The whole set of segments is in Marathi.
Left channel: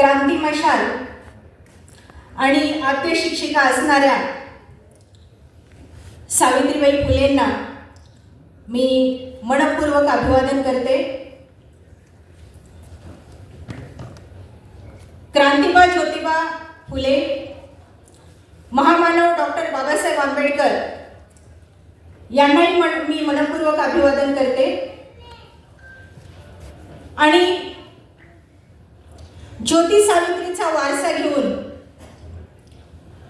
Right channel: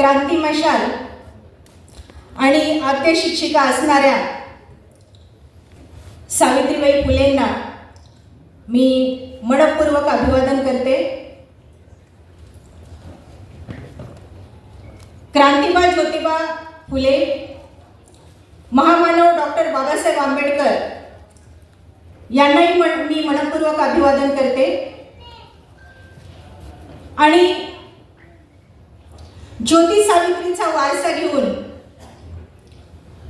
क्रांती मशाल आणि आद्य शिक्षिका असणाऱ्या सावित्रीबाई फुलेंना मी मनपूर्वक अभिवादन करते. क्रांतिबा ज्योतिबा फुले, महामानव डॉक्टर बाबासाहेब आंबेडकर यांनाही मी मनपूर्वक अभिवादन करते. आणि ज्योती सावित्रीचा वारसा घेऊन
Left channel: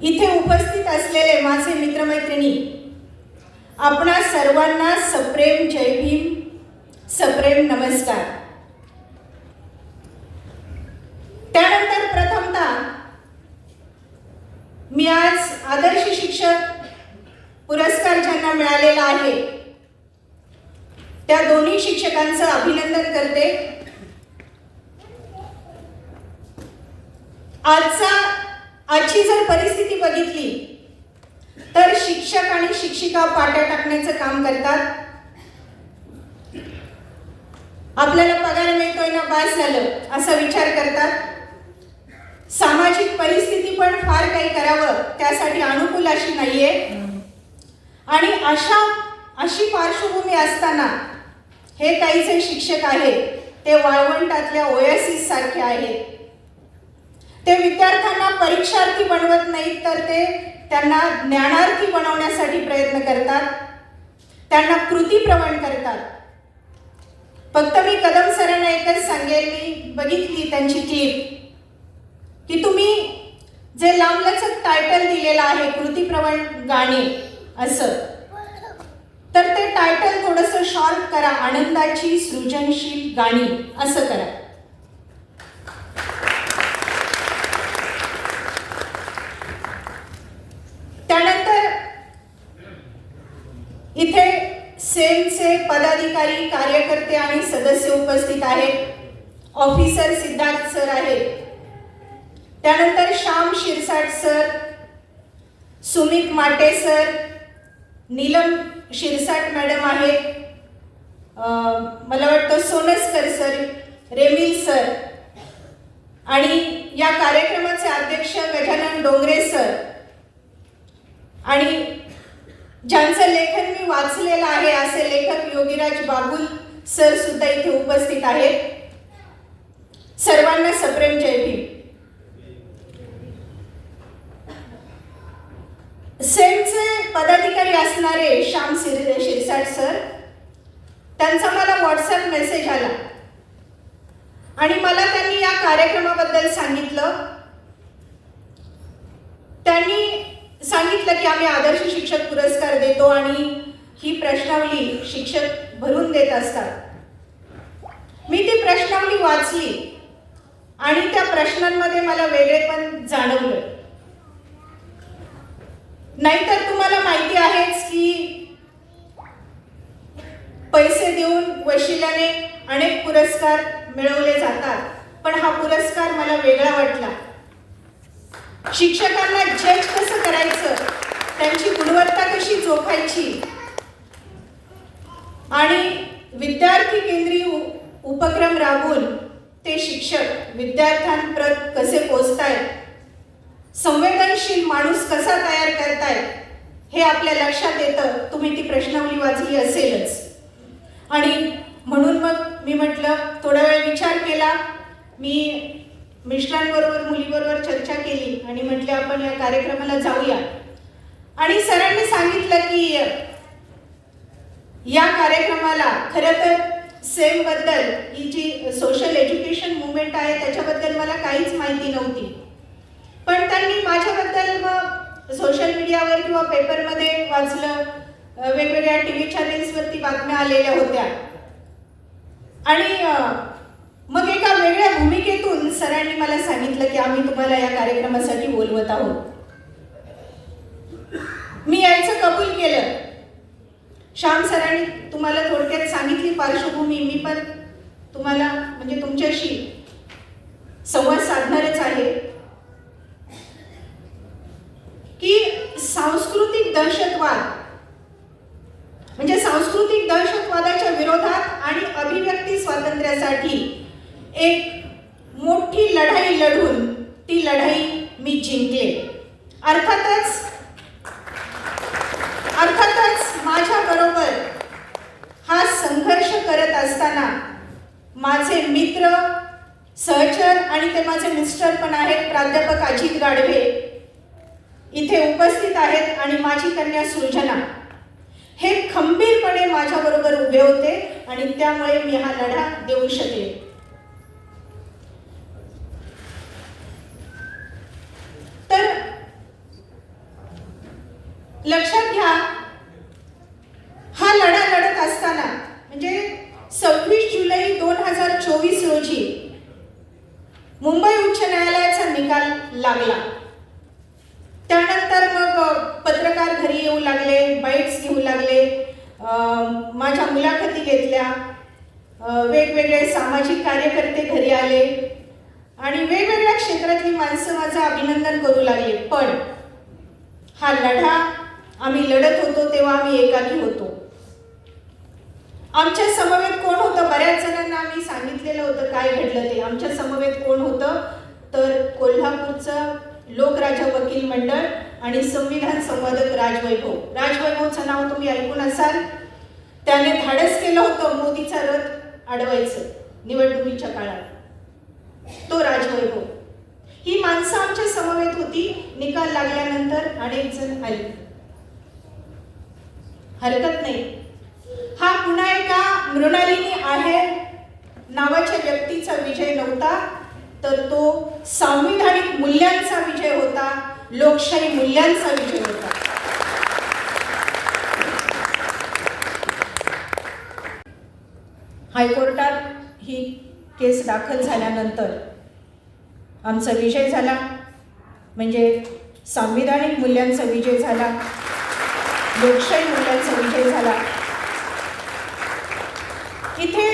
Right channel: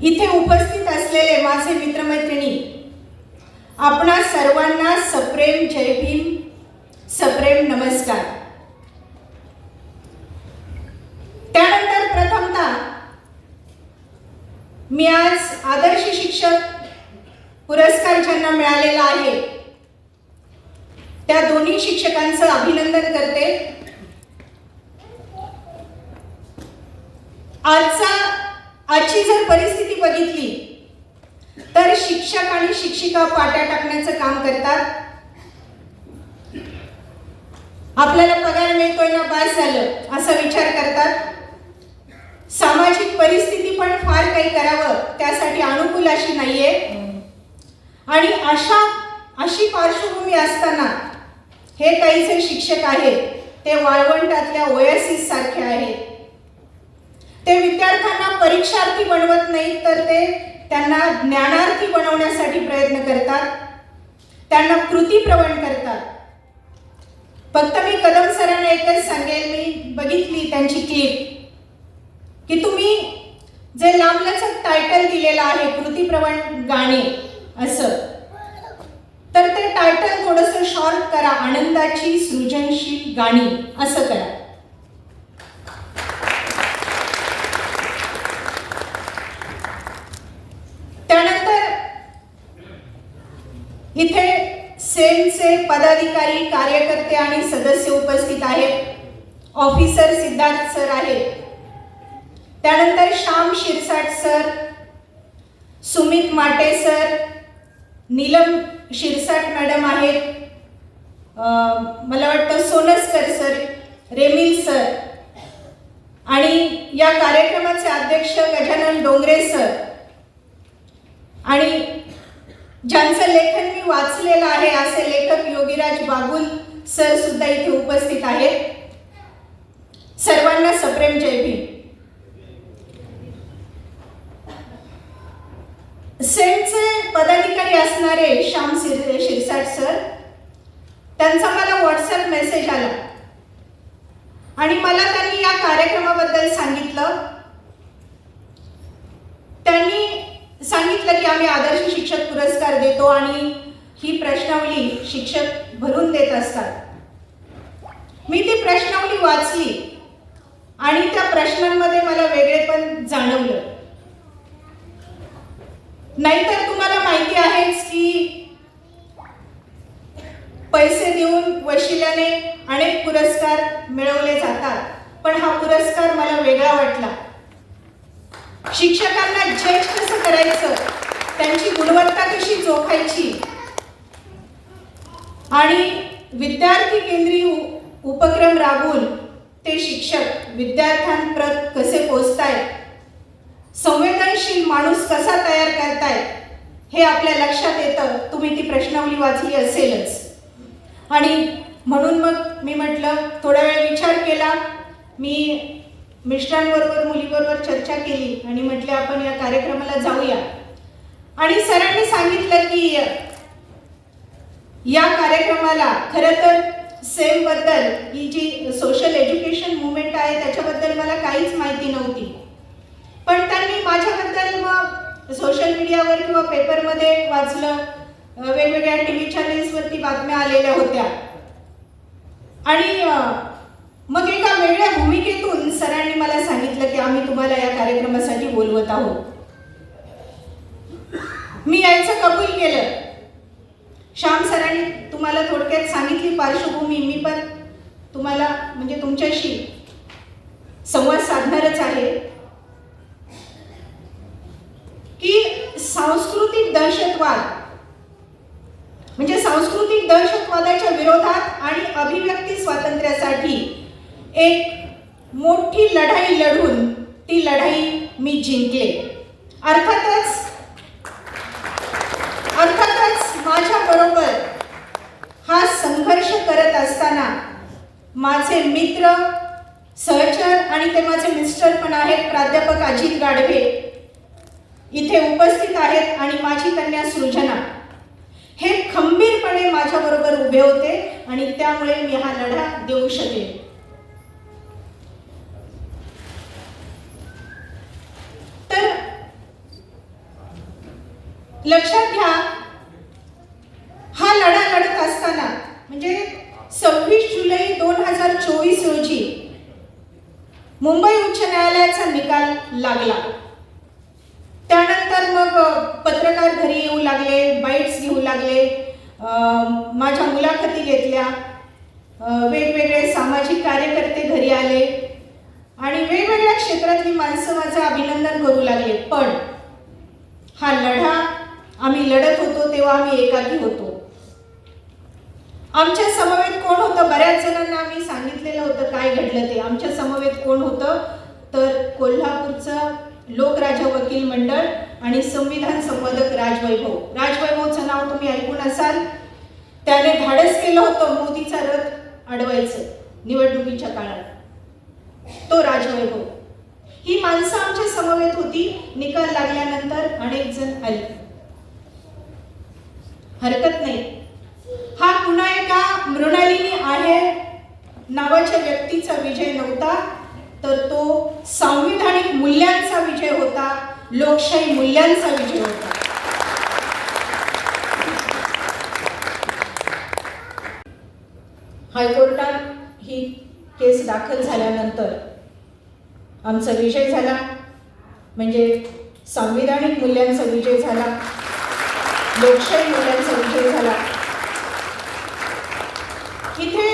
इथे उपस्थित असलेले माझे मित्रमैत्रिणी, आपणा सर्वांना सप्रेम जय भीम, सप्रेम नमस्कार. त्यानंतर प्रथमतः मी आज आदर्श शिक्षक पुरस्कार ज्यांना मिळालेला आहे त्या दोन्ही शिक्षकांचं अभिनंदन करते. आजची जर परिस्थिती बघितली तर शिक्षक आणि शिक्षिका पाट्या टाकण्याचं काम करतात. आपल्याला पगार मिळतोय ना, बास झालं असा विचार करतात. सामाजिक परिस्थिती पण फार काही करावं त्यासाठी अनुकूल अशी नाहीये. आणि अशी पार्श्वभूमी असताना हे काही जे शिक्षक आहेत ते वाळवंटातल्या ओएसिस सारखे आहेत. ते विद्यार्थ्यांना परीक्षार्थी बनवत नाहीत, तर ते त्यांना ज्ञानार्थी बनवण्यासाठी प्रयत्न करतात, त्यांना कृतीप्रवण करतात. फक्त मी कदम सरांना एकच सांगेल, मी बघितली त्यांची क्लिप, की तुम्ही जे लांबलचक टायटल दिलेलं आहे कृतीप्रवण गाणे असं, तर ते टायटल थोडंसं शॉर्ट करा, आनंदाची सृजनशील गाणी असं करा. त्यानंतर इथे सेमचे पदाधिकारी, कार्यकर्ते आणि सदस्य उपस्थित आहेत. ऑफिसर सिद्धार्थ सर आहेत, त्यानंतर श्याम शिरसाट सर, सुमित माटे सर, नीलम शिरसाट मॅडम आहेत, मला वाटतं सोनसकर सर, रेमिल सर, आणि या कार्यक्रमाचे अध्यक्ष गजानन डोंगरे सर, आणि ज्यांचं लेखन मी वाचलेलं आहे असे लेखक योगीराज बागुल सर सुद्धा इथे उपस्थित आहेत. सर्वांना सप्रेम जय भीम. सेमचे पदाधिकारी असणारे श्याम शिरसाट सर, त्यांचा मला व्हॉट्सअप मेसेज आला आणि मला त्यांनी या कार्यक्रमाबद्दल सांगितलं. त्यांनी सांगितलं की आम्ही आदर्श शिक्षक पुरस्कार देतो आणि ही प्रश्नावली शिक्षक भरून देत असतात. मी ती प्रश्नावली वाचली आणि त्या प्रश्नांमध्ये मला वेगळेपण जाणवलं. नाहीतर तुम्हाला माहिती आहेच की पैसे देऊन वशिल्याने अनेक पुरस्कार मिळवले जातात, पण हा पुरस्कार मला वेगळा वाटला. शिक्षकांना जज कसं करायचं, त्यांची गुणवत्ता कशी जोखायची आणि विद्यार्थी केंद्रीय उपक्रम राबवून ते शिक्षक विद्यार्थ्यांपर्यंत कसे पोहोचतायत, संवेदनशील माणूस कसा तयार करतायत हे आपल्या लक्षात येतं. तुम्ही ती प्रश्नावली वाचली असेलच. आणि म्हणून मग मी म्हटलं, थोडा वेळ विचार केला, मी मिस्टरांबरोबर मुलीबरोबर चर्चा केली आणि म्हटलं आपण या कार्यक्रमाला जाऊया. आणि सरांनी सांगितलं की या कार्यक्रमाला खरं तर सेम बद्दल, ही जी सोशल एज्युकेशन मुवमेंट आहे त्याच्याबद्दल मला काहीच माहिती नव्हती, पण त्यांनी माझ्याबद्दल मग सोशल मीडियावर किंवा पेपरमध्ये वाचलं, वेगवेगळ्या टीव्ही चॅनेल्सवरती बातम्या आलेल्या होत्या. आणि मग एका वेगळ्या भूमिकेतून सरांनी मला सांगितलं की आम्ही तुम्हाला या कार्यक्रमासाठी बोलवत आहोत. मी यायचं कबूल केलं. श्याम सरांनी तुम्हाला थोडक्यात सांगितली पार्श्वभूमी, मी पण तुम्हाला म्हणजे तुमच्याशी संवाद साधणारच आहे की सांस्कृतिक दहशतवाद म्हणजे सांस्कृतिक दहशतवादाच्या विरोधात आणि अभिव्यक्ती स्वातंत्र्यासाठी एक मोठी लढाई लढून ती लढाई मी जिंकले. अर्थातच माझ्याबरोबर हा संघर्ष करत असताना माझे मित्र, सहचर आणि ते माझे मिस्टर पण आहेत, प्राध्यापक अजित गाडवे इथे उपस्थित आहेत आणि माझी कन्या सृजना, हे खंबीरपणे माझ्याबरोबर उभे होते आणि त्यामुळे मी हा लढा देऊ शकले. तर लक्षात घ्या, हा लढा लढत असताना म्हणजे 26 जुलै 2024 रोजी मुंबई उच्च न्यायालयाचा निकाल लागला. त्यानंतर मग पत्रकार घरी येऊ लागले, बाईट्स घेऊ लागले, माझ्या मुलाखती घेतल्या, वेगवेगळे सामाजिक कार्यकर्ते घरी आले आणि वेगवेगळ्या क्षेत्रातली माणसं माझं अभिनंदन करू लागले. पण हा लढा आम्ही लढत होतो तेव्हा आम्ही एकाकी होतो. आमच्या समवेत कोण होतं? बऱ्याच जणांना आम्ही सांगितलेलं होतं काय घडलं ते. आमच्या समवेत कोण होतं? तर कोल्हापूरचं लोकराजा वकील मंडळ आणि संविधान संवादक राजवैभव. राजवैभवचं नाव तुम्ही ऐकून असाल. त्याने धाडस केलं होतं मोदीचा रथ अडवायचं निवडणुकीच्या काळात. तो राजवैभव. ही माणसं आमच्या समवेत होती. निकाल लागल्यानंतर अनेक जण आले. हरकत नाही. हा पुन्हा एका मृणालिनी आहे नावाच्या व्यक्तीचा विजय नव्हता, तर तो संविधानिक मूल्यांचा विजय होता, लोकशाही मूल्यांचा विजय होता. हायकोर्टात ही केस दाखल झाल्यानंतर आमचा विजय झाला, म्हणजे संविधानिक मूल्यांचा विजय झाला, लोकशाही मूल्यांचा विजय झाला. इथे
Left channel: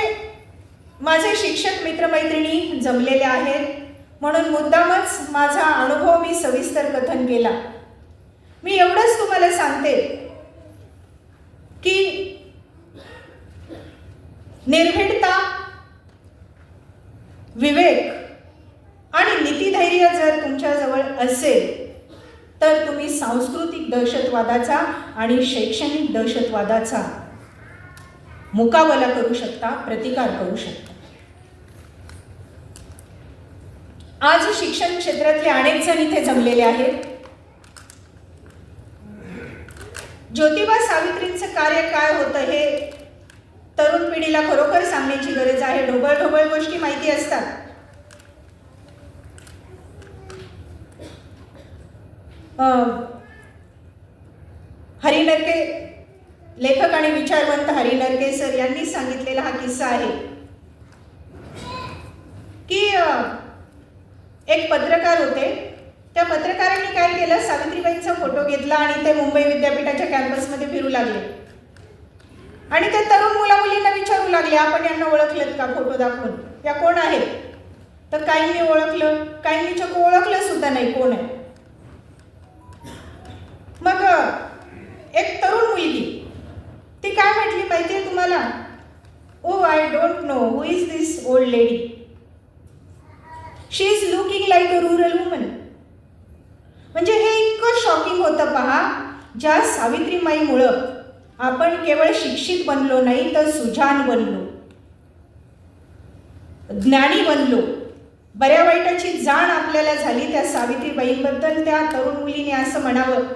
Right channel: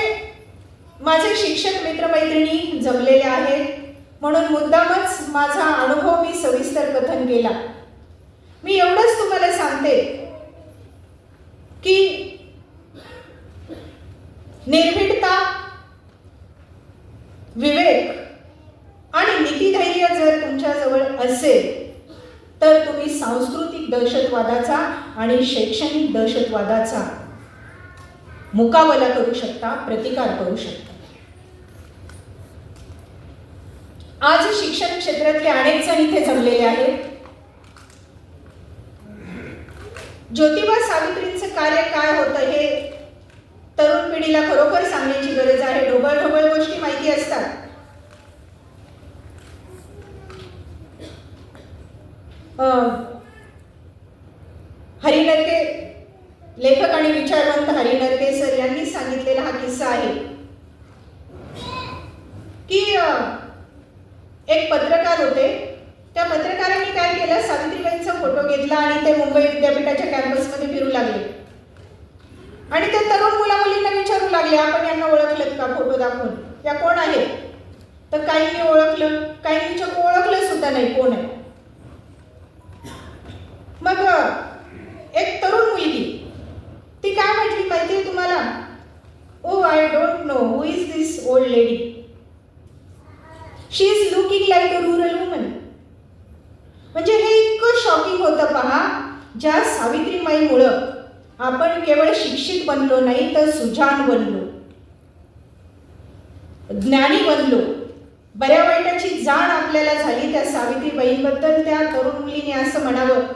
माझे शिक्षक मित्रमैत्रिणी जमलेले आहेत म्हणून मुद्दामच माझा अनुभव मी सविस्तर कथन केला. मी एवढंच तुम्हाला सांगते की निर्भीडता, विवेक आणि नीतिधैर्य जर तुमच्याजवळ असेल तर तुम्ही सांस्कृतिक दहशतवादाचा आणि शैक्षणिक दहशतवादाचा मुकाबला करू शकता, प्रतिकार करू शकता. आज शिक्षण क्षेत्रातले अनेक जण इथे जमलेले आहेत. ज्योतिबा सावित्रींचं कार्य काय होतं हे तरुण पिढीला खरोखर सांगण्याची गरज आहे. ढोबळ ढोबळ गोष्टी माहिती असतात. हरी नरके, लेखक आणि विचारवंत हरी नरके सर यांनी सांगितलेला हा किस्सा आहे की एक पत्रकार होते. त्या पत्रकारांनी काय केलं, सावित्रीबाईंचा फोटो घेतला आणि ते मुंबई विद्यापीठाच्या कॅम्पसमध्ये फिरू लागले आणि ते तरुण मुला मुलींना विचारू लागले, आपण यांना ओळखलं का? फोटो दाखवून, त्या कोण आहेत? तर काहींनी ओळखलं, काहींनी चक्क ओळखलं सुद्धा नाही कोण आहे. मग एक तरुण मुलगी ती काय म्हटली माहितीये तुम्हाला? Oh I don't know who is this old lady. She is looking like a rural woman. म्हणजे हे इतकं शॉकिंग होतं पहा. ज्या सावित्रीमाईमुळं आपण केवळ शिक्षित बनलो नाही तर सुजाण बनलो, ज्ञानी बनलो, बऱ्या वाईटाची जाण आपल्याला झाली. त्या सावित्रीबाईंबद्दल त्या तरुण मुलीने असं म्हणावं.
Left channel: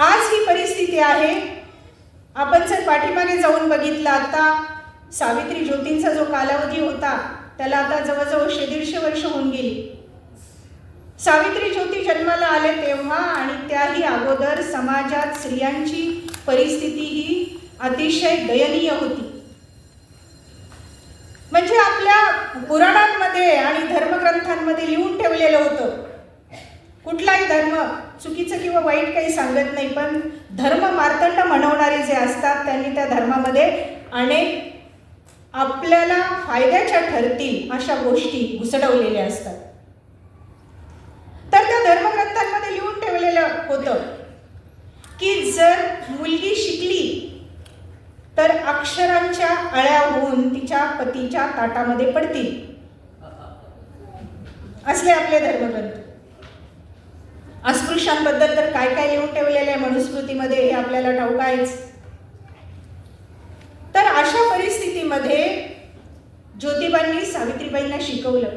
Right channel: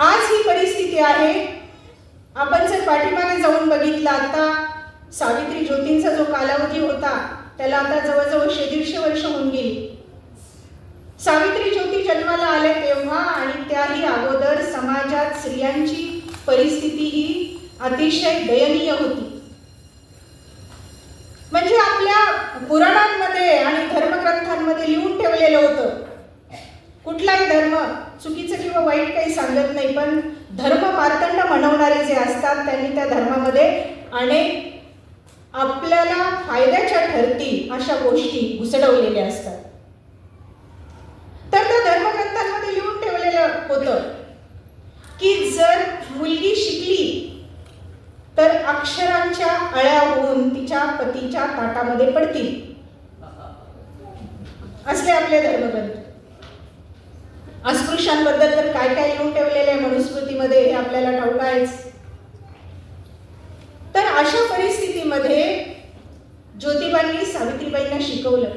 आज ही परिस्थिती आहे. आपण जर पाठीमागे जाऊन बघितलं, आता सावित्री ज्योतींचा जो कालावधी होता त्याला आता जवळजवळ 150 वर्ष होऊन गेली. सावित्री ज्योती जन्माला आले तेव्हा आणि त्याही अगोदर समाजात स्त्रियांची परिस्थिती ही अतिशय दयनीय होती. म्हणजे आपल्या पुराणांमध्ये आणि धर्मग्रंथांमध्ये लिहून ठेवलेलं होतं. कुठलाही धर्म चुकीचं किंवा वाईट काही सांगत नाही, पण धर्म मार्तंड म्हणवणारे जे असतात त्यांनी त्या धर्मामध्ये अनेक आपल्याला फायद्याच्या ठरतील अशा गोष्टी घुसडवलेल्या असतात. तर त्या धर्मग्रंथांमध्ये लिहून ठेवलेलं होतं की जर मुलगी शिकली तर अक्षरांच्या अळ्या होऊन तिच्या तिच्या ताटामध्ये पडतील, असले आपले धर्मग्रंथ. अस्पृश्यांबद्दल तर काय काय लिहून ठेवलेले आहे मनुस्मृतीमध्ये हे आपल्याला ठाऊक आहेच. तर अशा परिस्थितीमध्ये ज्योतिबांनी सावित्रीबाईंना शिकवलं.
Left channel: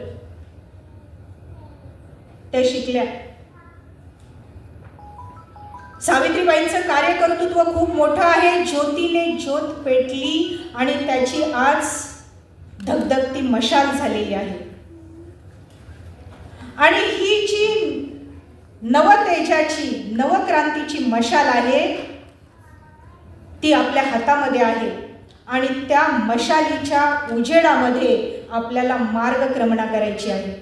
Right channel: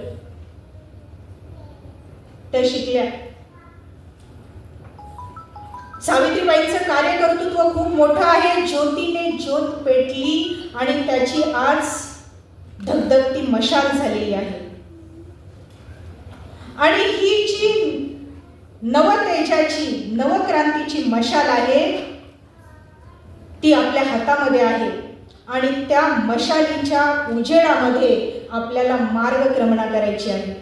त्या शिकल्या. सावित्रीबाईंचं कार्यकर्तृत्व खूप मोठं आहे. ज्योतीने ज्योत पेटली आणि त्याची आज धगधगती मशाल झालेली आहे. आणि ही जी नवतेजाची नवक्रांतीची मशाल आहे ती आपल्या हातामध्ये आहे आणि त्या मशालीच्या उजेडामध्ये आपल्याला मार्गक्रमणा करायची आहे.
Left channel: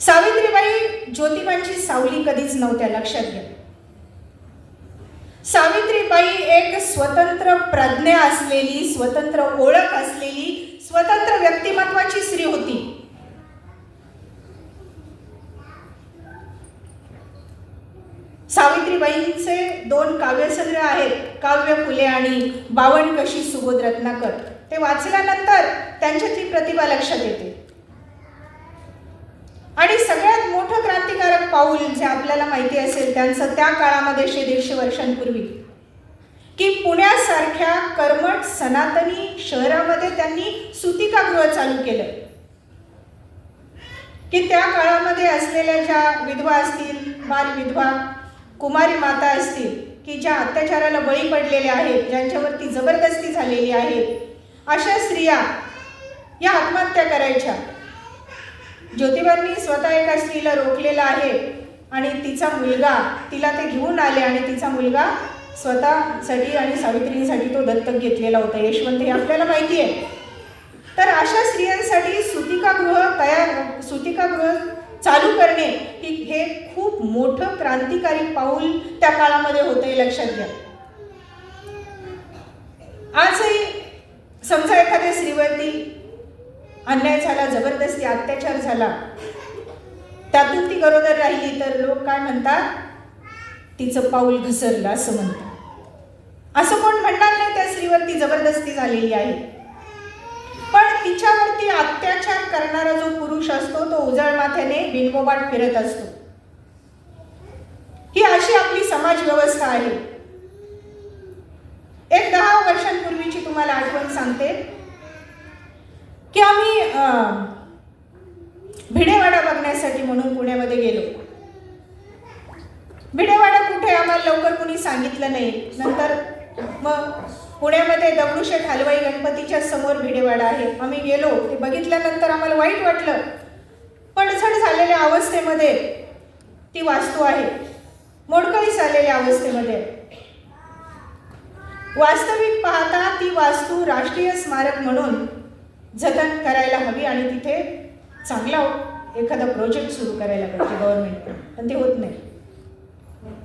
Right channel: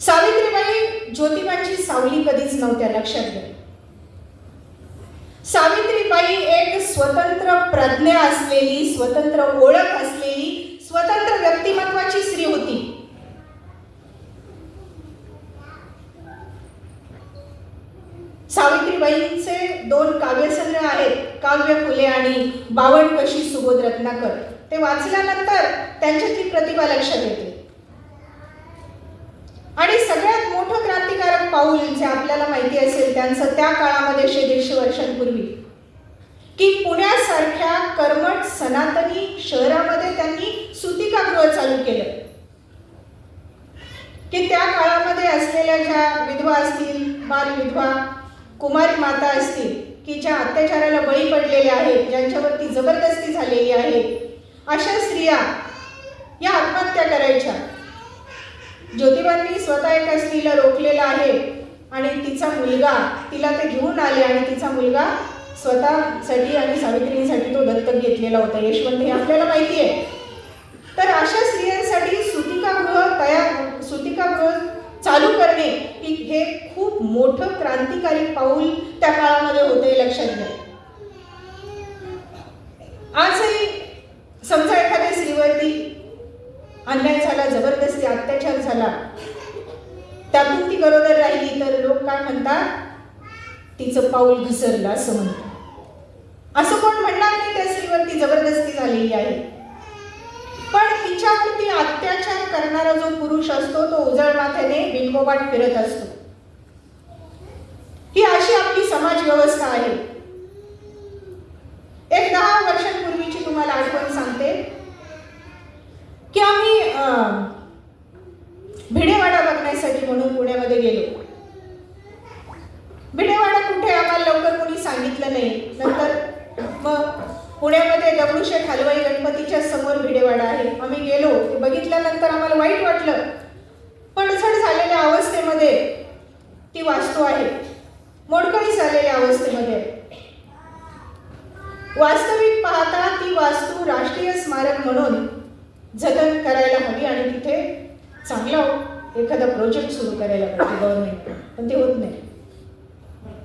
सावित्रीबाई ज्योतिबांची सावली कधीच नव्हत्या, लक्षात घ्या. सावित्रीबाई एक स्वतंत्र प्रज्ञा असलेली, स्वतंत्र ओळख असलेली, स्वतंत्र व्यक्तिमत्वाची स्त्री होती. सावित्रीबाईंचे 2 काव्यसंग्रह आहेत, काव्य फुले आणि 52 कशी सुबोध रत्नाकर. ते वाचल्यानंतर त्यांच्याची प्रतिभा लक्षात येते. आणि सगळ्यात मोठं क्रांतिकारक पाऊल जे आपल्याला माहिती असेल त्यांचं त्या काळामध्ये 150 वर्षांपूर्वी, की पुण्यासारख्या कर्मठ सनातनी शहरामध्ये त्यांनी सुतिकागृह चालू केलं. की त्या काळामध्ये असलेल्या ज्या विधवा असतील, बालविधवा, कुमारी माता असतील, की ज्या अत्याचाराला बळी पडलेल्या आहेत, ज्यांच्यावरती जबरदस्ती झालेली आहे, अशा स्त्रिया या आत्महत्या करायच्या. ज्योतिबांनी स्वतः एका स्त्रीला रोखलेलं आहे आणि तिचा मुलगा, तिला ते घेऊन आले आणि तिचा मुलगा स्वतःसाठी आणि सावित्रीसाठी तो दत्तक घेतलेला होता, यशवंत, हे आपल्याला माहिती आहे. तर अशा स्त्रियांसाठी सुतिकागृह चालू करणे हे खूप मोठं क्रांतिकारी पाऊल त्या काळामध्ये होते, लक्षात घ्या. आजही समजा एखाद्या स्त्रीवरती अन्याय झाला, जबरदस्ती अत्याचार झाला, त्यातून ती गरोदर राहिली तर लोक काय म्हणतात, तिचं पाऊल घसरलं असं म्हणतात. असं कोण म्हणणार नाही त्या स्त्रीवरती जबरदस्ती झालेली आहे. पण तिच्यावरती अत्याचार करणारा जो पुरुष असतो तो उजळ माथ्याने बिंबोबाट फिरत असतो. ही अशी आपली समाज व्यवस्था आहे. एक 10 वर्षांपूर्वीची तुम्हाला आठवण सांगते की आम्ही भिडेवाडा बघण्यासाठी म्हणून पुण्यामध्ये गेलो. भिडेवाडा कुठे आम्हाला लवकर कोणी सांगितलं नाही. नंतर मग पुण्यामध्ये दगडूशेठ हलवाई गणपतीच्या समोर भिडेवाडा आहे. आम्ही गेलो, ते बघितल्यानंतर आम्हाला वाईट वाटलं. पडझड झालेल्या अवस्थेमध्ये ती वास्तू आहे, मोडकळीस आलेल्या अवस्थेमध्ये. वास्तविक पाहता ती वास्तू राष्ट्रीय स्मारक म्हणून जतन करायला हवी आणि तिथे चांगला एखादा प्रोजेक्ट सुरू करायला पाहिजे गव्हर्नमेंट, पण ते होत नाही.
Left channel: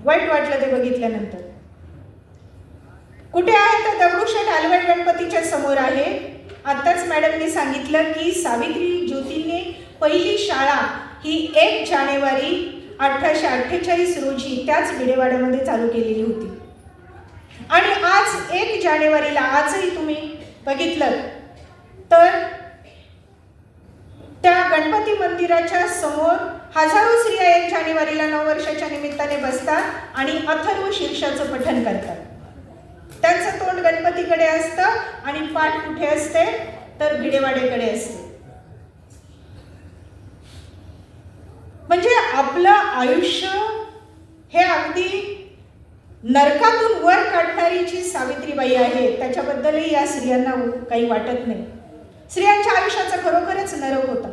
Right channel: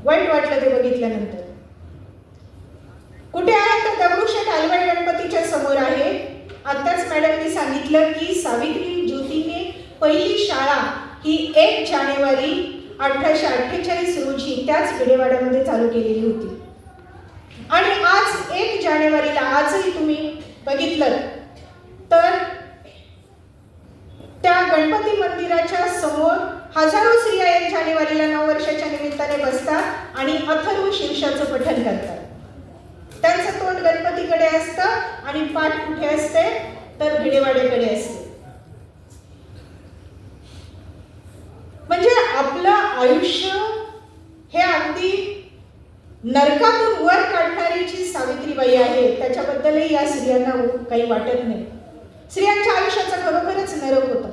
वाईट वाटलं ते बघितल्यानंतर. कुठे आहे तर दगडूशेठ हलवाई गणपतीच्या समोर आहे. आताच मॅडमनी सांगितलं की सावित्री ज्योतीने पहिली शाळा ही 1 जानेवारी 1848 रोजी त्याच भिडेवाड्यामध्ये चालू केलेली होती. आणि आज 1 जानेवारीला आजही तुम्ही बघितलं तर त्या गणपती मंदिराच्या समोर हजारो स्त्रिया 1 जानेवारीला नववर्षाच्या निमित्ताने बसतात आणि अथर्व शीर्षाचं पठण करतात. त्यांचं तोंड गणपतीकडे असतं आणि पाठ कुठे असते तर भिडेवाड्याकडे असते. म्हणजे आपलं आयुष्य हे अगदी नरकातून वर काढणारी जी सावित्रीबाई आहे त्याच्याबद्दलही या स्त्रियांना काही वाटत नाही. स्त्रियांच्या आयुष्याचा खरोखरच नरक होता.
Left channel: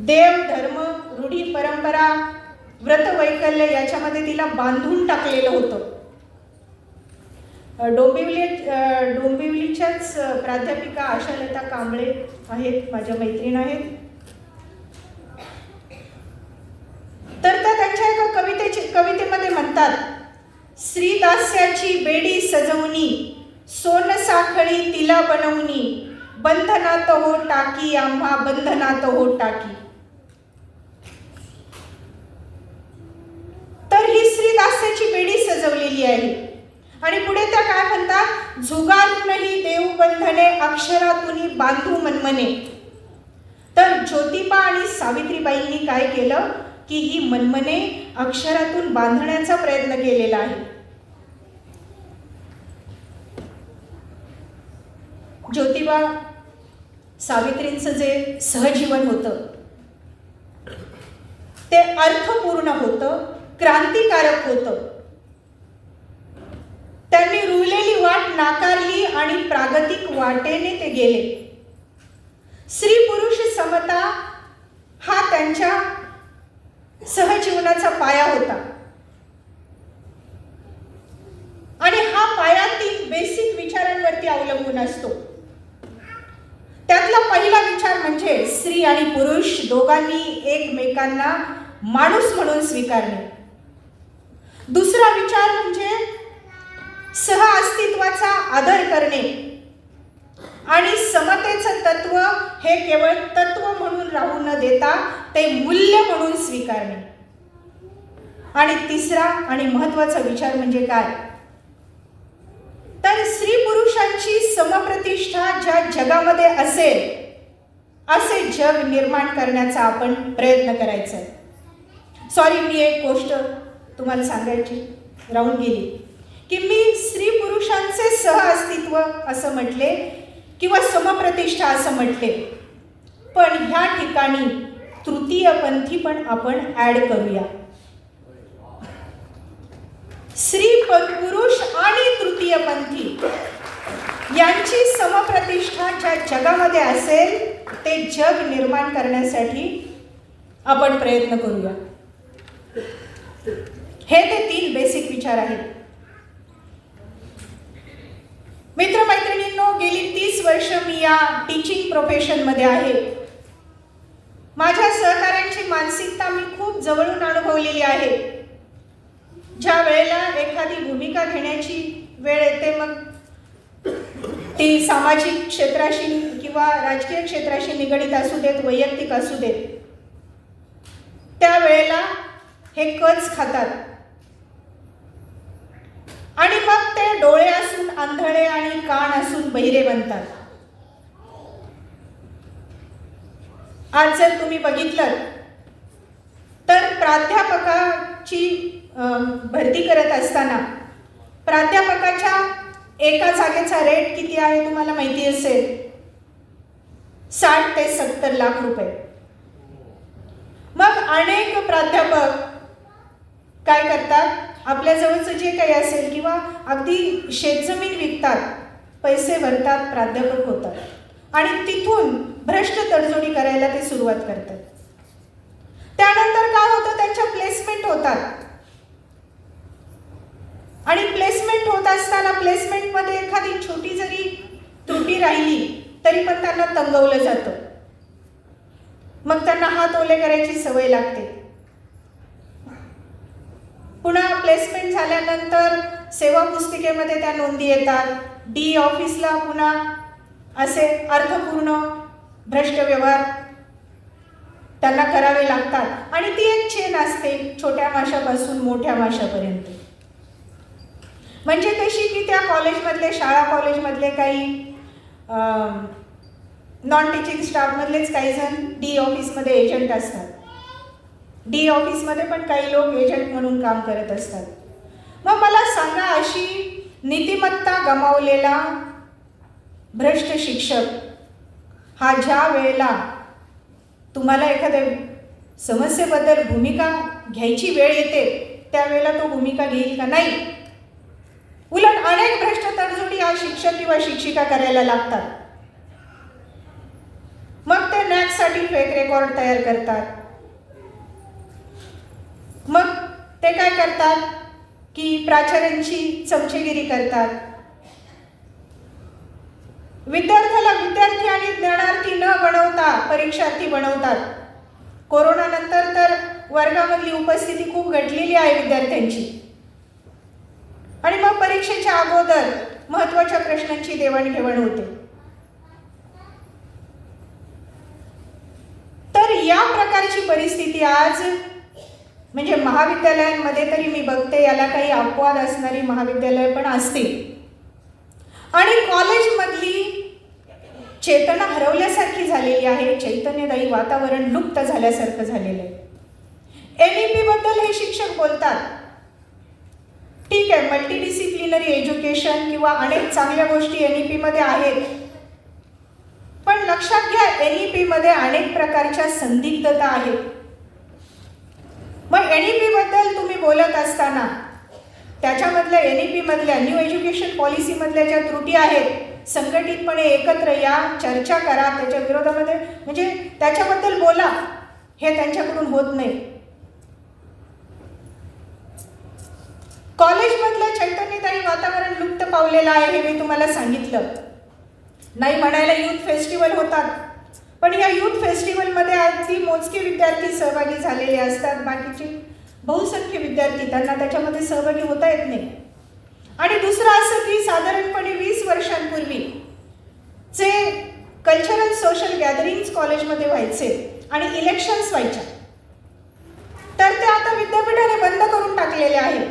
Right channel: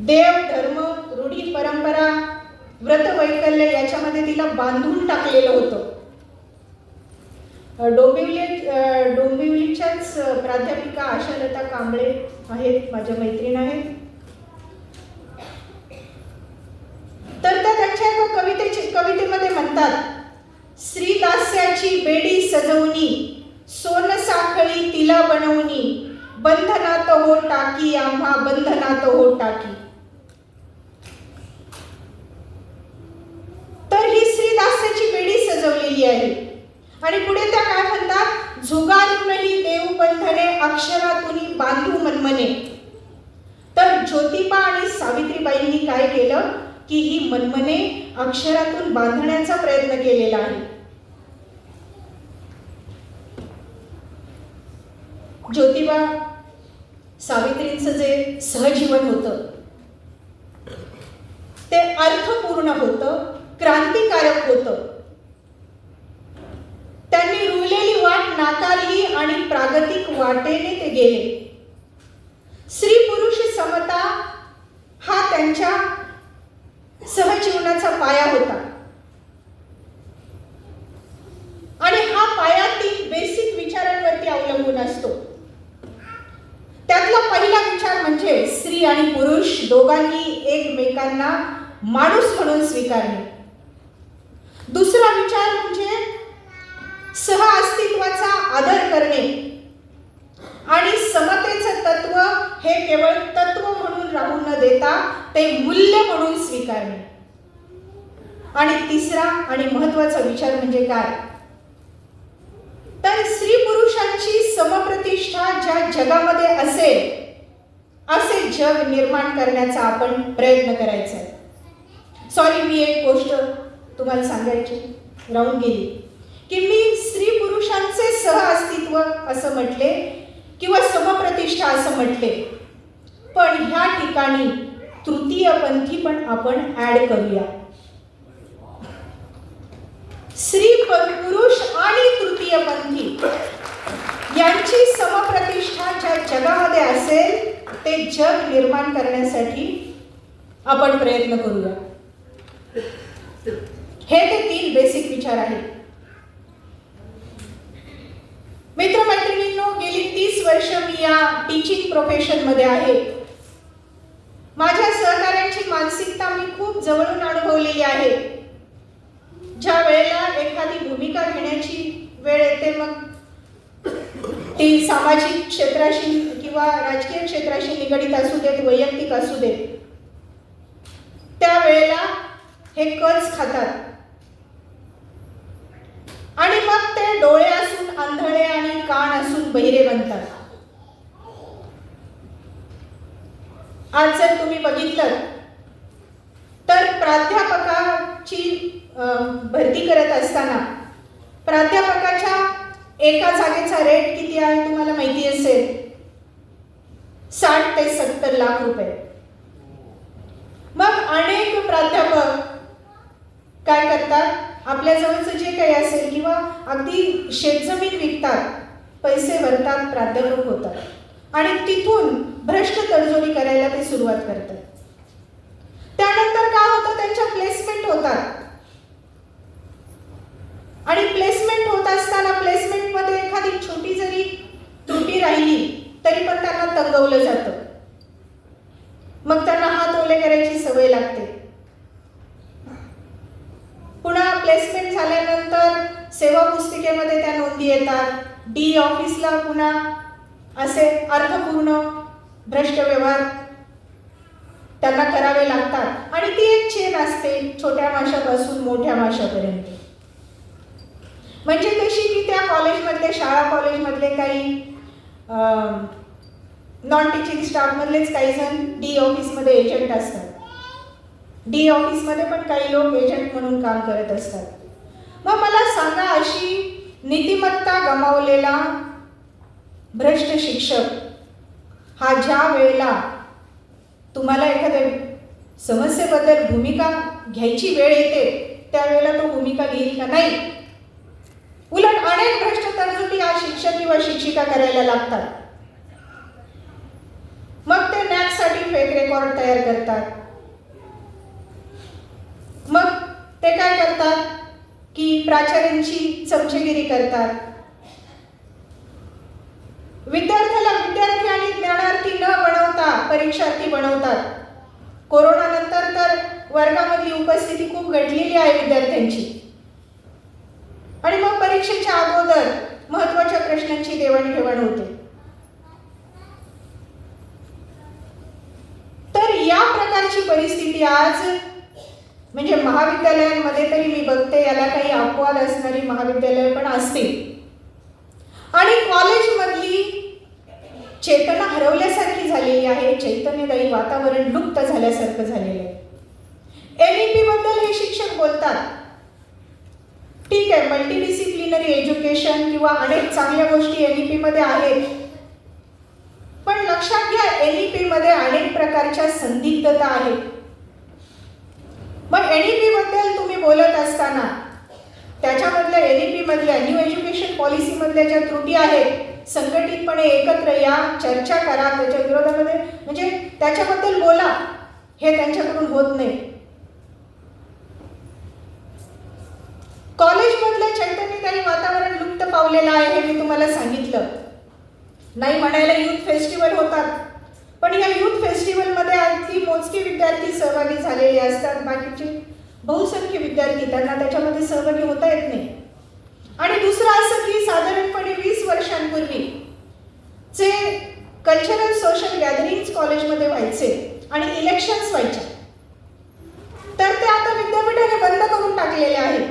देव, धर्म, रूढी, परंपरा, व्रत, वैकल्य याच्यामध्ये तिला बांधून टाकलेलं होतं. डोंबिवलीच्याच प्राध्यापिका आशालता कांबळे आहेत, माझ्या मैत्रीण आहेत. तर त्यांच्या एका कवितेमध्ये म्हणतात, स्त्री दास्याची बेडी सजवणी, सोन साखळी तिला बनवणी, बंधनात हो टाकी आम्हा बंधनात हो टाकी. तर ही स्त्री दास्याची बेडी अक्षरातून बांधू मनमने. तर ज्योतिबा आणि सावित्रीबाईंनी काय केलं की ही मनमने अक्षरातून बांधण्याचा प्रयत्न केलेला आहे. ज्योतिबा सावित्रींचं जे सहजीवन होतं ते अर्थपूर्ण होतं, क्रांतिकारक होतं. त्यांनी रुळलेली वाट नाकारली आणि प्रागतिक वाटेने ते गेले. स्त्री पुरुष समता हा त्यांच्या सहजीवनाचा पाया होता आणि हा पाया 3 बेसिक विचारांवरती अवलंबून असतो. त्यातला पहिला विचार म्हणजे स्त्री आणि पुरुष दोघांनी एकमेकांना माणूस म्हणून स्वीकारणे. दुसरा विचार म्हणजे सहअस्तित्वाचा आदर करणे आणि समतेचं तत्व हे केवळ तत्व म्हणून राहू न देता ते मूल्य म्हणून स्वीकारणे. आणि तिसरा आणि महत्त्वाचा विचार म्हणजे काय, तर स्त्री पुरुषांची समप्रतिष्ठा ज्या जगामध्ये असेल असे जग निर्माण करण्याचा आपण प्रयत्न करायचा आहे. सॉरी, मी एक गोष्ट तुम्हाला सांगायची राहून गेली की मी स्त्री पुरुषांचे सहअस्तित्व असं म्हटले किंवा समप्रतिष्ठा असं म्हटले, पण ह्या ठिकाणी तृतीयपंथी पण आपण ऍड करूया. स्त्री पुरुष आणि तृतीयपंथी यांची समप्रतिष्ठा ज्या जगामध्ये असेल ते जग निर्माण करण्यासाठी आपण प्रयत्न करूया. हे ते 3 बेसिक विचार आहेत. मित्रमैत्रिणींनो, गेली 30 वर्ष मी या टीचिंग प्रोफेशन मध्ये आहे. माझ्या सहकार्यांची मानसिकता मी खूप जवळून अनुभवलेली आहे. ज्या वेळेला एखादी भूमिका घेण्याची वेळ येते, मग ती सामाजिक क्षेत्राशी किंवा राजकीय क्षेत्राशी निगडीत असू देत, वैयक्तिक असू देत, त्यावेळेला हे कच खातात आणि मग ते डोळे असून आंधळे आणि कान असून बहिरे बनतात. आज जर तुम्ही बघितलं तर प्राध्यापकाची भरती करत असताना प्राध्यापकाच्या एका जागेचा रेट किती आहे तुम्हाला माहिती असेल, 60 ते 70 लाख रुपये. मग अनेक प्राध्यापक काय करतात, आपल्या जवळचं जे काही असेल किंवा अगदी शेतजमीन विकतात, पैसे भरतात, प्राध्यापक होतात आणि तिथून भ्रष्ट तडजोडी करायला ते सुरुवात करतात. त्यानंतर काय होतं, त्यांच्या प्लेसमेंट होतात आणि प्लेसमेंट होत असताना प्लेसमेंटमध्ये एखादी छोटी जरी त्रुटी राहिली तरी पण त्यांना तंगवलं जातं. मग त्यांना हात ओले करायची सवय लागते. पुन्हा प्लेसमेंट झाल्यानंतर सेवा पुस्तिकेमध्ये त्या नोंदी येतात. डी ऑफिसला पुन्हा असे अर्थपूर्ण भ्रष्ट व्यवहार त्यांना करावे लागतात आणि ती एक चेन असते छोट्या माशापासून मोठ्या माशापर्यंत. म्हणजे कशी की त्या कॉलेजमधले, शाळा कॉलेजमधले काही नॉन टीचिंग स्टाफ मधलेच काही जण डी ऑफिसमध्ये एजंट असतात. डी ऑफिसमध्ये पण काही लोक एजंट म्हणून काम करत असतात. मग मला सांगा, अशी नीतिमत्ता गमावलेला भ्रष्ट शिक्षक हा ज्या वेळेला तुम्हाला एखाद्या समस्येबद्दल भूमिका घ्यायची वेळ येते त्यावेळेला तो भूमिका घेईल का? नाही. उलट अनेक भ्रष्ट तडजोडी हा शिक्षक किंवा शिक्षिका करायला लागतात. मग ते नॅकसाठी फेक रेकॉर्ड तयार करतात. मग ते काय करतात की प्राचार्यांची चमचेगिरी करतात. विद्यार्थ्याला विद्यार्थी आणि ज्ञानार्थी न बनवता परीक्षार्थी बनवतात. कोरोना नंतर तर वर्गामधली उपस्थिती खूप घटलेली आहे विद्यार्थ्यांची आणि मग परीक्षेच्या अगोदर महत्त्वाच्या प्रश्नांची देवाणघेवाण होते. तर या प्रकारची परिस्थिती आज म्हणजे महाविद्यालयांमध्ये तरी मी बघते, याला काही अपवाद असणारी महाविद्यालय पण असतील आणि कॉलेजमधली चेतना हरवल्यासारखी झालेली आहे, चैतन्यदायी वातावरण लुप्त झाल्यासारखं झालेलं आहे. NEP बद्दल हे शिक्षक बोलतात, ठीक आहे, मल्टीडिसिप्लिनरी एज्युकेशन किंवा अनेक चांगल्या गोष्टी NEP मध्ये आहेत, पण लक्षात घ्या NEP मध्ये अनेक प्रकारच्या संदिग्धता आहेत. मग NEP बद्दल तुम्ही बोलत असताना त्याच्यामधल्या NEP मधल्या न्यू एज्युकेशन पॉलिसी मधल्या ज्या त्रुटी आहेत, संघटितपणे एकत्र या, चर्चा करा त्याच्या विरोधामध्ये, म्हणजे त्याच्याबद्दल बोला, हे त्यांच्याकडून होत नाही. कॉलेजमधलं चैतन्यदायी वातावरण लुप्त पावलेलं आहे, हे मी तुम्हाला सांगितलं. नाही म्हणायला युथ फेस्टिवल होतात, पण या युथ फेस्टिवलमध्ये अगदी मोजके विद्यार्थी सहभागी झालेले असतात, बाकीचे बहुसंख्य विद्यार्थी त्यांना त्याच्यामध्ये सहभागी होता येत नाही. आणि दुसरं असं की साधारणपणे 20 वर्षांपूर्वी जे कल्चरल सोशल गॅदरिंग्स कॉलेजमध्ये व्हायचे आणि इलेक्शन्स व्हायचे, तर ते आता विद्यापीठाने बंद करून टाकलेले आहेत.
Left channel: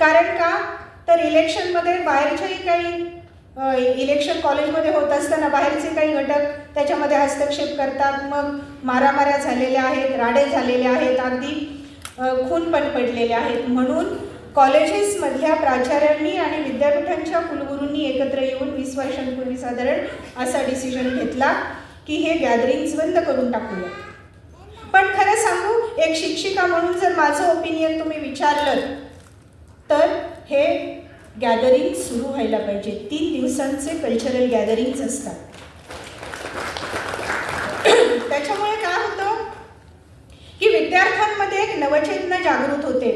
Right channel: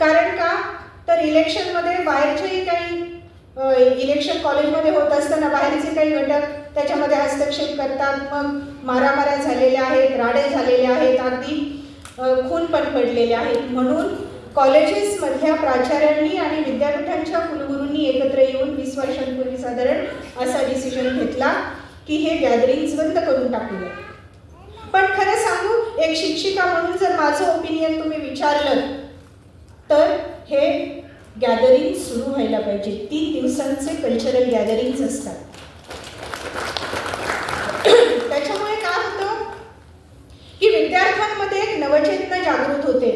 कारण का, तर इलेक्शनमध्ये बाहेरचेही काही इलेक्शन कॉलेजमध्ये होत असताना बाहेरचे काही घटक त्याच्यामध्ये हस्तक्षेप करतात, मग मारामाऱ्या झालेल्या आहेत, राडे झालेले आहेत, अगदी खून पण पडलेले आहेत. म्हणून कॉलेजेसमधल्या प्राचार्यांनी आणि विद्यापीठांच्या कुलगुरूंनी एकत्र येऊन 20 वर्षांपूर्वी साधारण असा डिसिजन घेतला की हे गॅदरिंग्स बंद करून टाकूया. पण खरं सांगू, एक शिक्षिका म्हणून जर माझं ओपिनियन तुम्ही विचारलं तर हे गॅदरिंग सुरू व्हायला पाहिजे. 3 दिवसांचे कल्चरल गॅदरिंग्स असतात. त्याच्यामुळे काय होतं की विद्यार्थ्यांमध्ये एक नवचेतना जागृत होते,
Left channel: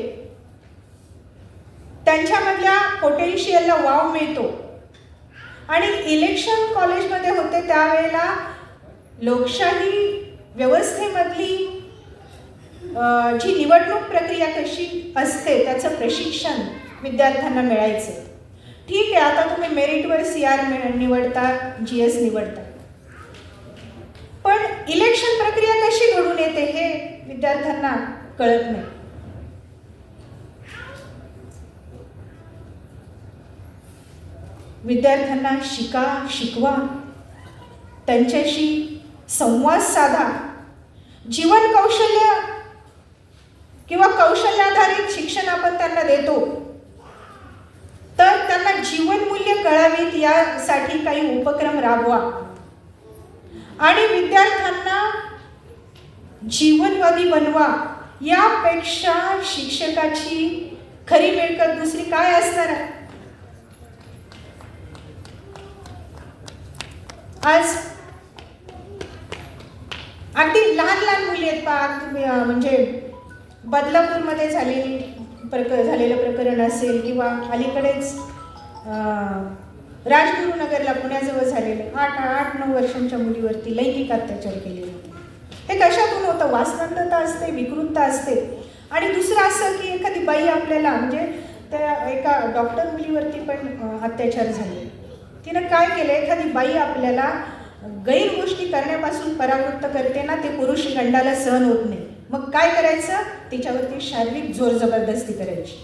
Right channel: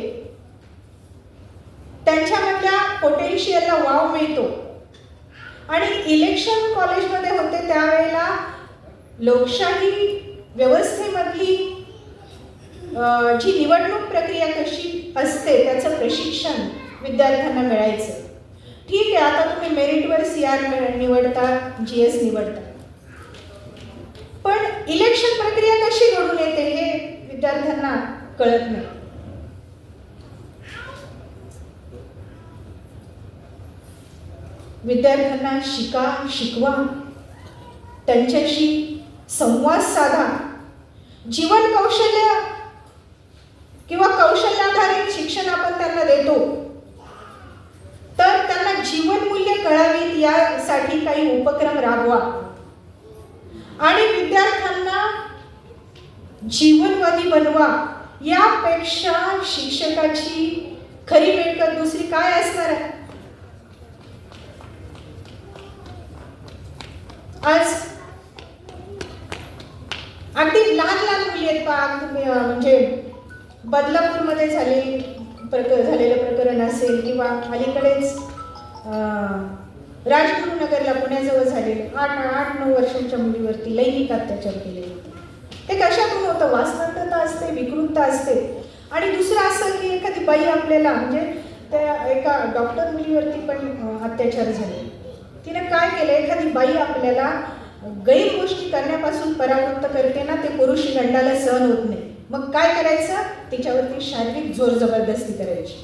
त्यांच्यामधल्या पोटेन्शियलला वाव मिळतो. आणि इलेक्शन कॉलेजमध्ये होते त्यावेळेला लोकशाही व्यवस्थेमधली जी निवडणूक प्रक्रिया कशी असते त्याचं प्रशिक्षण विद्यार्थ्यांना मिळायचं. ठीक आहे, आता तुम्ही मेरिटवर CR निवडता, GS निवडता, पण इलेक्शन प्रक्रिया कशी घडून येते हे विद्यार्थ्यांना कळत नाही. विद्यार्थ्यांना शिकवा, त्यांच्याशी संवाद साधा. जीवन कौशल्य किंवा कौशल्याधारित शिक्षण आपण त्यांना देतो, तर त्यांना जीवन मूल्य कळावीत यासाठी काही उपक्रम राबवा. आणि विद्यार्थ्यांना जीवनवादी बनवा. यापेक्षा शिक्षकाची खरी मिळकत दुसरी काय असणार आहे? आज अगदी लहान मुली आहेत पहा, म्हणजे बदलापूरमध्ये झालेलं प्रकरण असेल किंवा अलीकडेच राजगुरुनगरला पुण्याजवळ झालेले 8-9 वर्षांच्या मुलीवरती लैंगिक अत्याचार केले होते. ते कशातून होतं? वासनांधता असते, विकृतता असते. आणि दुसरं असं की एखादी बाई आपल्याला, म्हणजे त्या एका डॉक्टर मुलीवरती पण अत्याचार झाले. तिने काय केलं, एखादी बाई आपल्याला गैर गोष्टी करण्यापासून परावृत्त करते ना, ते पुरुष गंडाला सहन होत नाही. मग काय करायचं? तिच्यावरती शारीरिक जोर जबरदस्ती करायची.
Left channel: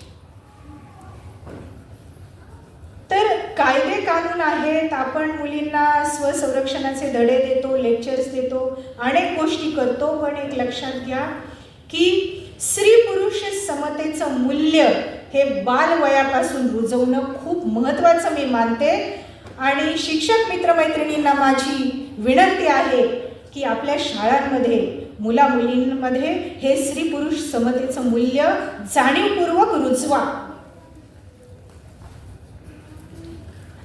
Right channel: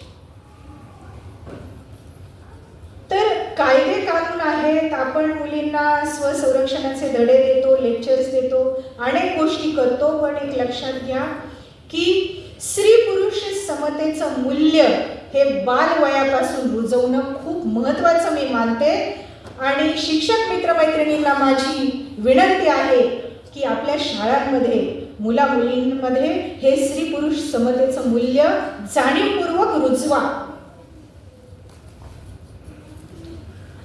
तर कायदे कानून आहेत, आपण मुलींना स्वसंरक्षणाचे धडे देतो, लेक्चर्स देतो, अनेक गोष्टी करतो, पण एक लक्षात घ्या की स्त्री पुरुष समतेचं मूल्य हे बालवयापासून रुजवणं खूप महत्त्वाचं मी मानते. आणि शिक्षक मित्रमैत्रिणींना माझी विनंती आहे की आपल्या शाळांमध्ये मुला मुलींमध्ये हे स्त्री पुरुष समतेचं मूल्य जाणीवपूर्वक रुजवा.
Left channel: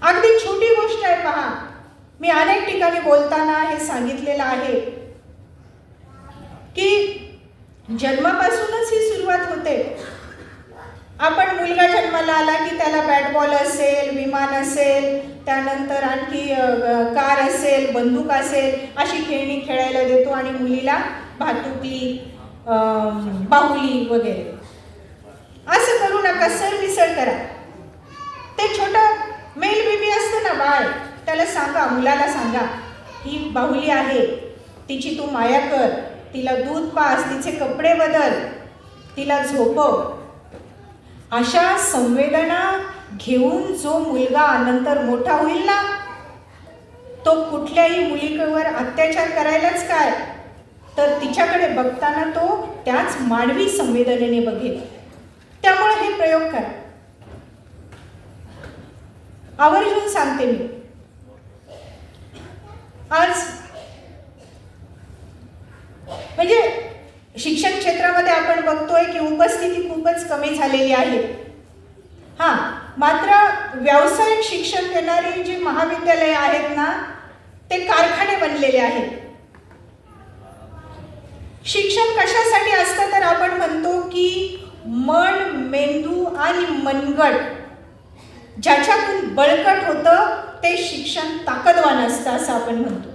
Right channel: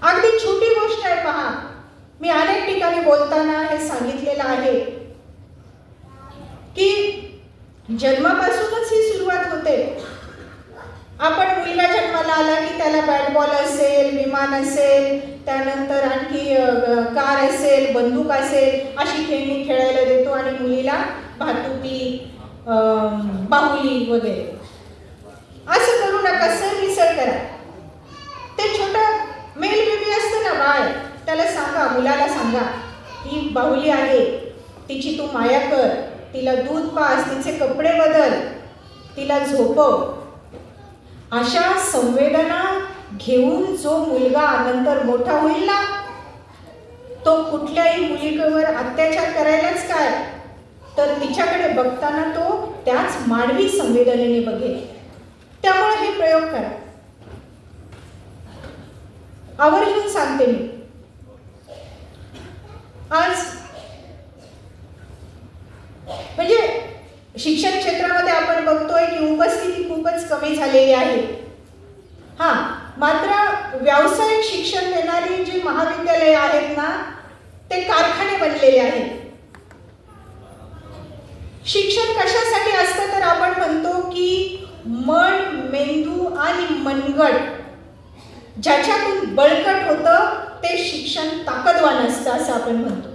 अगदी छोटी गोष्ट आहे पहा, मी अनेक ठिकाणी बोलताना हे सांगितलेलं आहे की जन्मापासूनच ही सुरुवात होते. आपण मुलगा जन्माला आला की त्याला बॅट बॉल असेल, विमान असेल, त्यानंतर आणखी कार असेल, बंदूक असेल, अशी खेळणी खेळायला देतो आणि मुलीला भातुकली, बाहुली वगैरे. असं करू नका, सरमिसळ करा. ते छोटं मेल बेबी असतं ना, बाळ, त्याला सांगा, मुलाला सांगा ही बाहुली आहे, तिची तू माया कर, तिला दूध पास, तिचे कपडे बदल, तिला झोपव. अशा संवेदना घेऊन जो मुलगा नंतर मोठा होईल ना, कुठल्याही मुलीवर अत्याचार करायलाच काय, तर तिच्याकडे बघताना तो त्याच मानवी संवेदनेने बघेल. त्यामुळे हे प्रयोग करा. आवर्जून सांगते मी. आज म्हणजे शिक्षण क्षेत्रामध्ये आपण बघतोय की उपस्थिती खूपच कमी झालेली आहे. मात्र व्यावसायिक शिक्षण देणारी जी महाविद्यालये आहेत ना, ते कारखाने बनलेले आहेत. शिक्षण कशासाठी असतं तर आपण म्हणतो की मन, मेंदू आणि मनगट ज्याच्यातून बळकट होतं ते शिक्षण ताकदवान असतं असं आपण म्हणतो.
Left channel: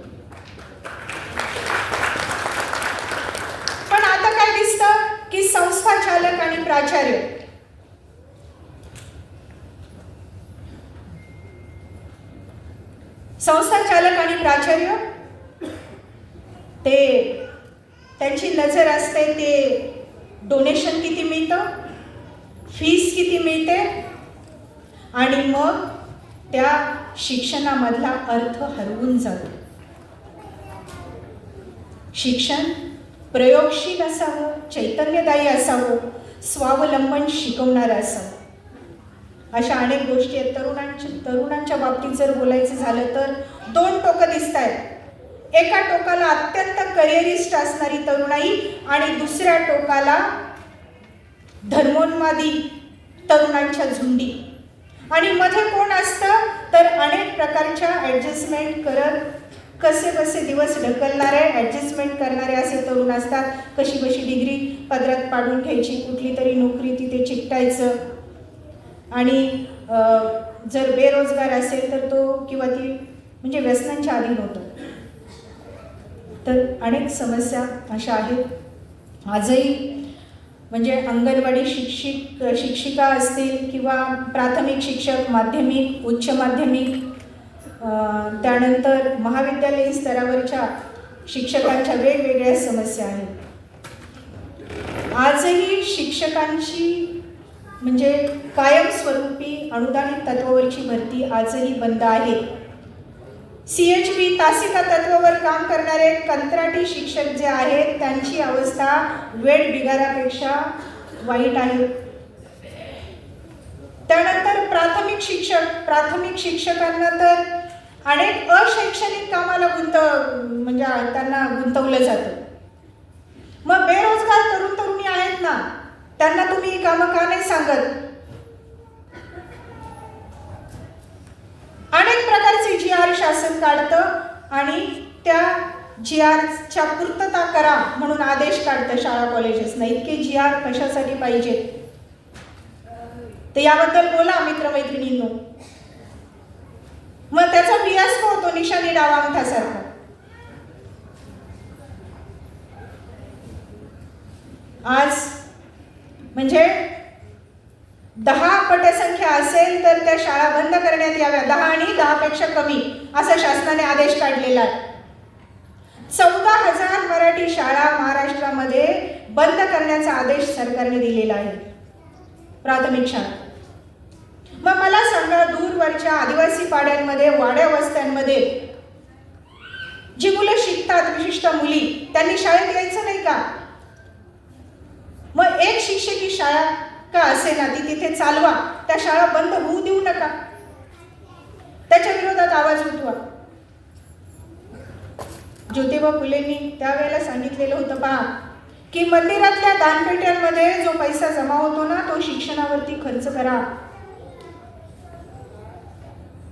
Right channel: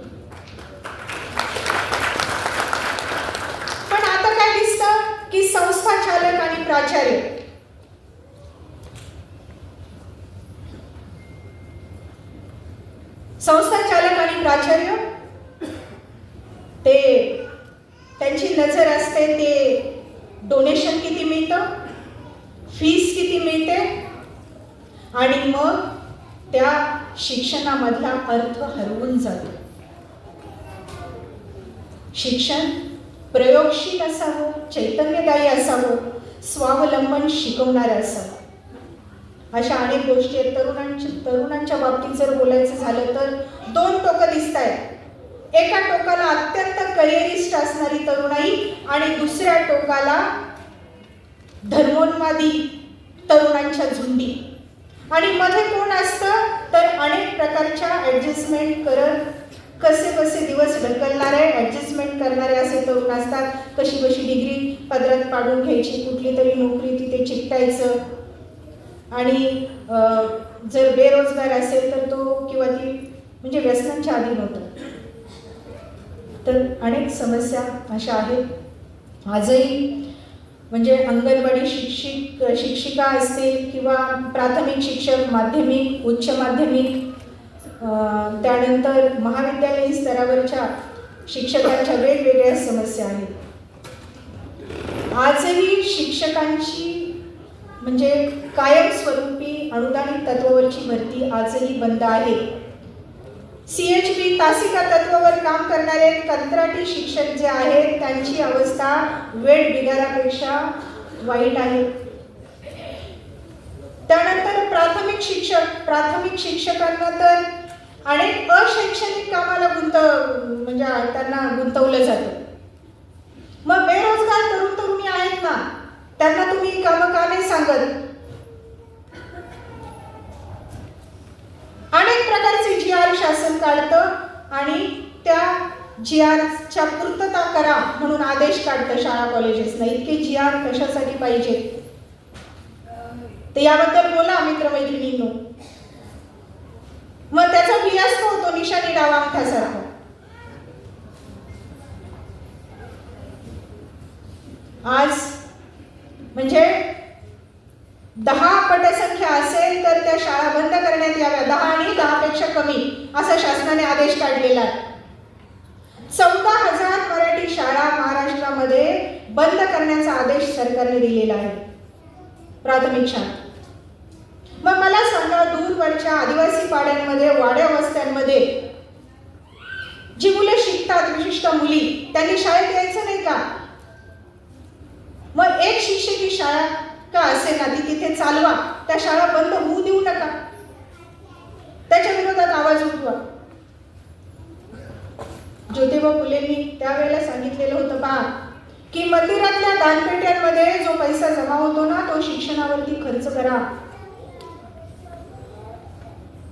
पण आता काय दिसतं की संस्था चालक आणि प्राचार्य ते त्यांची नजर असते ते डोनेशन किती मिळतं, फीस किती मिळते, आणि मग त्या शिक्षणामधला अर्थ हरवून जातो. शिक्षण प्रयोगशील असावं, चैतन्यदायी असावं, स्वावलंबन शिकवणारं असावं. अशा अनेक गोष्टी आहेत. तरुणांच्या बाबतीत जर बोलायचं झालं तर दोन टोकं दिसत आहेत. एका टोकाला अत्यंत करिअरिस्ट असणारी तरुणाई आणि दुसऱ्या टोकाला धर्मोन्मादी तरुणांच्या झुंडी. आणि मध्ये कोण असतं तर अनेक प्रकारच्या ॲडजस्टमेंट करत कसे दिवस ढकलणारे, ॲडजस्टमेंट करणारे असे तरुण असतात. कशी डिग्री पदरात पाडून घ्यायची, कुठली तरी नोकरी तिथे चिकटायचं, आणि जर बेरोजगार असेल तर तो किंवा ती म्हणजे व्यसनांच्या अधीन होतो. तर अनेक समस्या अशा आहेत. आजही म्हणजे अंगणवाडी शिक्षिका असतील किंवा प्राथमिक शिक्षक, माध्यमिक, उच्च माध्यमिक, त्यानंतर महाविद्यालयीन स्तरावरच्या शिक्षकांच्या वेगवेगळ्या समस्या आहेत. आजही शिक्षकांची म्हणजे कायमस्वरूपी अनुदानित तत्वावरची भरती आजही बंद आहे. CHB तासिका तत्वावर काम करणारे कंत्राटी शिक्षक जे आहेत त्यांची अवस्था वेळ बिगारापेक्षा वाईट आहे. त्यानंतर प्राथमिक शिक्षकांना तर अनेक अशैक्षणिक कामाला म्हणजे त्यांना गुंतवलं जातं. मग बेरोजगार तरुण तरुणी आहेत ना, त्यांना तुम्ही कामं का नाही सांगत? अनेक प्रकारचे GR शासन काढतं आणि त्या GRच्या पूर्तता करा म्हणून आदेश काढतं शाळा कॉलेजेसना. इतके GR कशासाठी पाहिजे ते याबद्दल बोला मित्रमैत्रिणींनो. मग त्याचा फियास्को होतो निशाणी डावा अंगठासारखा. आज म्हणजे 10 पटसंख्या असेल तर त्या शाळा बंद करण्यात याव्या. 10 आणि 10 पेक्षा कमी असा शासनाने आदेश काढलेला आहे. 14,000 मराठी शाळा महाराष्ट्रामध्ये बंद करण्याचा आदेश सरकारने दिलेला आहे, प्राथमिक शाळा. मग मला सांगा, दूरवरच्या आदिवासी पाड्यांमध्ये, वाड्या वस्त्यांमध्ये जी मुलं शिकतात, विशिष्ट मुली, त्यांनी शाळेत यायचं नाही का? मग एक शिक्षकी शाळा का असे ना ती तिथे चालवा, त्या शाळा बंद होऊ देऊ नका, त्याच्या विरोधात आवाज उठवा. ज्योतिबा फुलेंनी त्यावेळेला सांगितलेलं होतं पहा की मंदिरातल्या दानपेट्यांमध्ये जो पैसा जमा होतो ना तो शिक्षणावरती खर्च करा.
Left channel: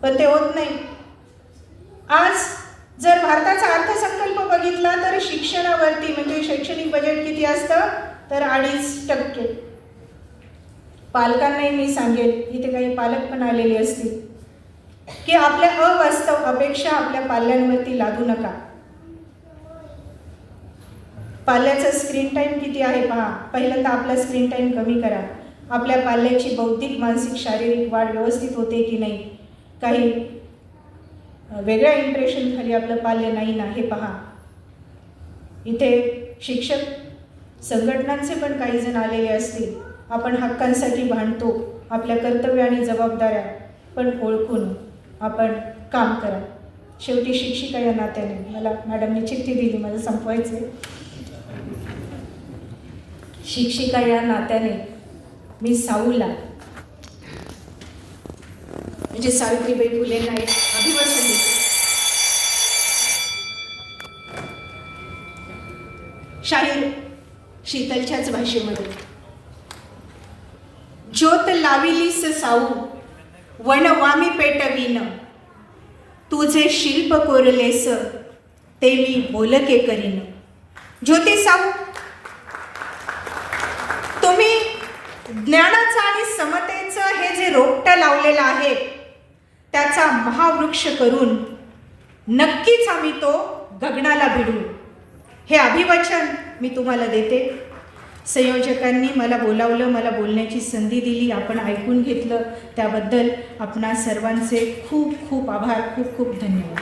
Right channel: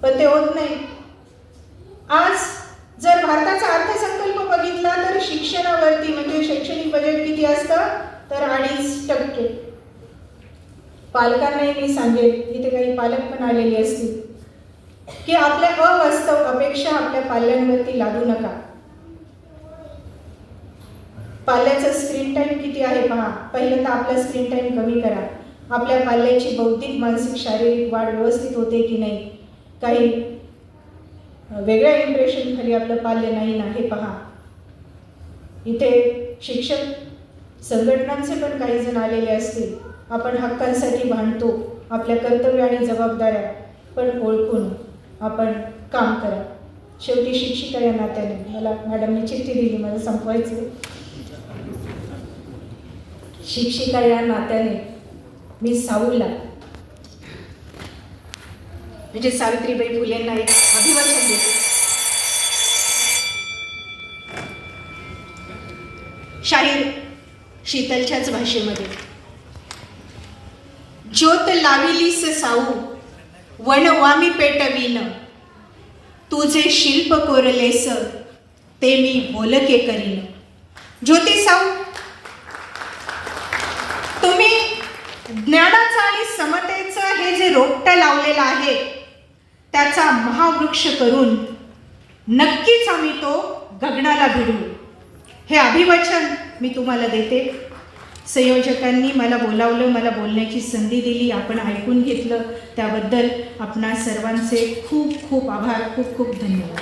पण ते होत नाही. आज जर भारताचा अर्थसंकल्प बघितला तर शिक्षणावरती म्हणजे शैक्षणिक बजेट किती असतं तर 2.5%. पालकांनाही मी सांगेल, इथे काही पालक पण आलेले असतील, की आपल्या अवास्तव अपेक्षा आपल्या पाल्यांवरती लादू नका. पाल्याचा स्क्रीन टाइम किती आहे पहा. पहिल्यांदा आपला स्क्रीन टाइम कमी करा. आपल्या पाल्याची बौद्धिक, मानसिक, शारीरिक वाढ व्यवस्थित होते की नाही, काही वेगळ्या इम्प्रेशन खाली आपलं पाल्य नाही ना हे पहा. इथे शिक्षक संघटनांचे पण काही जण आलेले असतील. आपण हक्कांसाठी भांडतो, आपल्या कर्तव्य आणि जबाबदाऱ्या पण ओळखून आपण काम करा. शेवटी शिक्षिका या नात्याने मला मॅडमने चिठ्ठी दिली, मला संपवायचे. शिक्षिका या नात्याने मी साऊला म्हणजे सावित्रीबाई फुलेंना एक अभिवाचन देते. शाहीर शीतलच्याच भाषेमध्ये. ज्योत लाविलीस साऊ वनवामी पेटवीन, तुझे शिल्प कोरलेस ते मी बोलके करीन. ज्योती साऊ, तुम्ही ज्ञानाचं आणि समतेचं हे जे रोपटं लावलेलं आहे त्याचा महावृक्ष करून नक्कीच आम्ही तो गगनाला भिडू, हे अभिवचन मी तुम्हाला देते. संयोजकांनी मला बोलावलं, मला बोलण्याची संधी दिली, आपण ऐकून घेतलं, त्याबद्दल आपणा सर्वांचे खूप खूप आभार, खूप खूप धन्यवाद.